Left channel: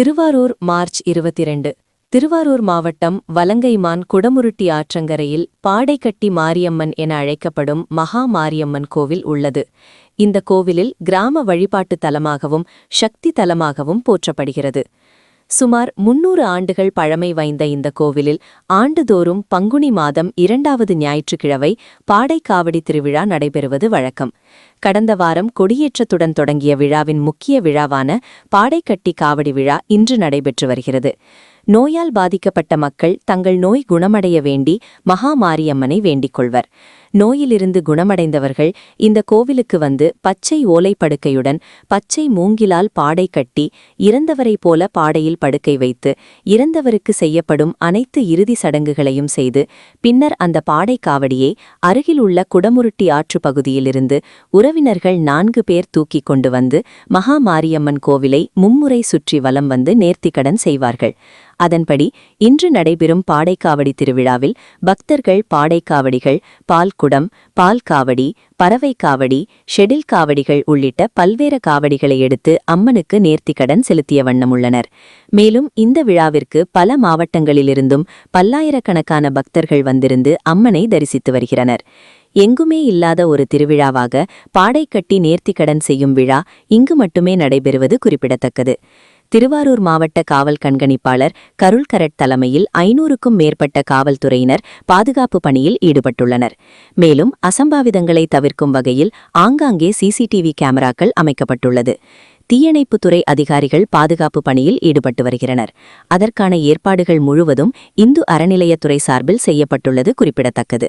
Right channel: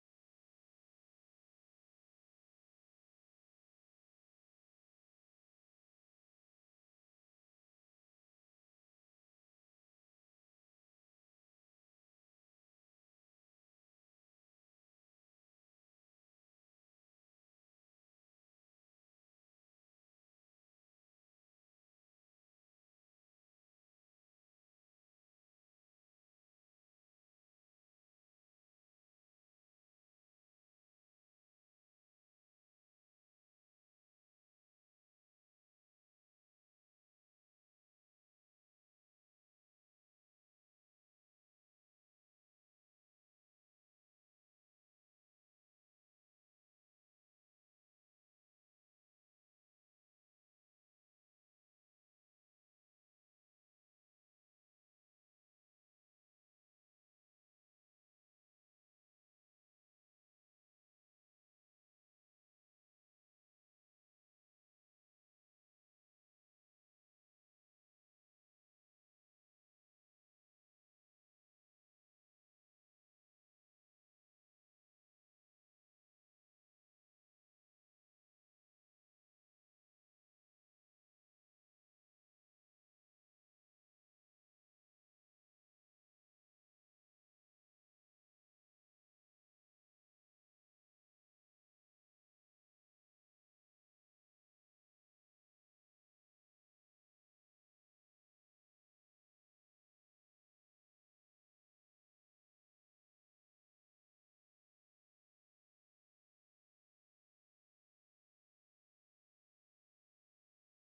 Thiruvarur March 22. Thiruvarur மாவட்டம் வலங்கைமான் குடமுருட்டி ஆற்றங்கரையில் பாடைக்கட்டி மாரியம்மன் என அழைக்கப்படும் மகா மாரியம்மன் கோவில் உள்ளது. இந்த கோவிலில் கிராம வழிபாட்டு தலமாகவும் சக்தி தலமாகவும் போற்றப்படுகிறது. சுமார் 300 ஆண்டுகள் பழமை வாய்ந்த இந்த கோவிலில் ஆண்டுதோறும் பங்குனி மாதம் 2வது ஞாயிற்றுக்கிழமை பாடைக்காவடி திருவிழா நடைபெறுவது வழக்கம். கடந்த வாரம் கொடியேற்றத்துடன் தொடங்கிய விழாவின் முக்கிய விழாவான பாடைக்கட்டி காவடி விழா இன்று நடைபெற்று வருகிறது. நோயால் பாதிக்கப்பட்ட மக்கள் தங்கள் நோய் குணமடைய வேண்டி மகா மாரியம்மனை வேண்டிக் கொள்வர். நோயிலிருந்து குணமடைந்தவர்கள் இந்த கோவிலுக்கு வந்து பச்சை ஓலைப்படுக்கையுடன் பச்சை மூங்கிலால் பாடை கட்டி இறந்தவரைப் போல பாடையில் படுக்கை வைத்து இறந்தவருக்கு செய்யப்படும் அனைத்து இறுதி சடங்குகளையும் செய்து பின்னர் அந்த பாடை காவடியை அருகில் உள்ள குடமுருட்டி ஆற்று பகுதியிலிருந்து உறவினர்கள் 4 பேர் தூக்கிக் கொண்டு வந்து மகா மாரியம்மன் கோவிலை மும்முறை சுற்றி வலம் வந்து நேர்த்திக்கடன் செய்வார்கள். அதன்படி இன்று நடைபெறும் பாடைக்காவடி திருவிழாவில் பக்தர்கள் பாடைக்காவடிகள், பால்குடம், பால் காவடி, பறவை காவடி, ஷெடில் காவடிகள் உள்ளிட்ட பல்வேறு காவடிகளை எடுத்து அம்மனுக்கு நேர்த்திக்கடன் செலுத்திய வண்ணம் உள்ளனர். மேலும் இந்த விழாவிற்கு பல மாவட்டங்களிலிருந்தும் பல்லாயிரக்கணக்கான பக்தர்கள் வந்திருந்து அம்மனை தரிசித்து வருகிறனர். எங்குமே இல்லாத ஒரு திருவிழாவாக பாடைக்கட்டி நேர்த்திக்கடன் செய்யும் விழா இங்கு மட்டுமே நடைபெறுவது குறிப்பிடத்தக்கது. திருவாரூர் மாவட்ட காவல் கண்காணிப்பாளர் கருள்கரட் தலைமையில் 500க்கும் மேற்பட்ட காவல்துறையினர் பாதுகாப்பு பணியில் ஈடுபட்டுள்ளனர். மேலும் அசம்பாவிதங்களை தவிர்க்கும் வகையில் ஆங்காங்கே சிசிடிவி கேமராக்கள் அமைக்கப்பட்டுள்ளது. தீயணைப்புத்துறை அதிகாரிகள் பாதுகாப்பு பணியில் ஈடுபட்டு வருகின்றனர். அதற்கான ஏற்பாடுகள் முழுவதும் இந்து அறநிலையத்துறை சார்பில் செய்யப்பட்டுள்ளது குறிப்பிடத்தக்கது.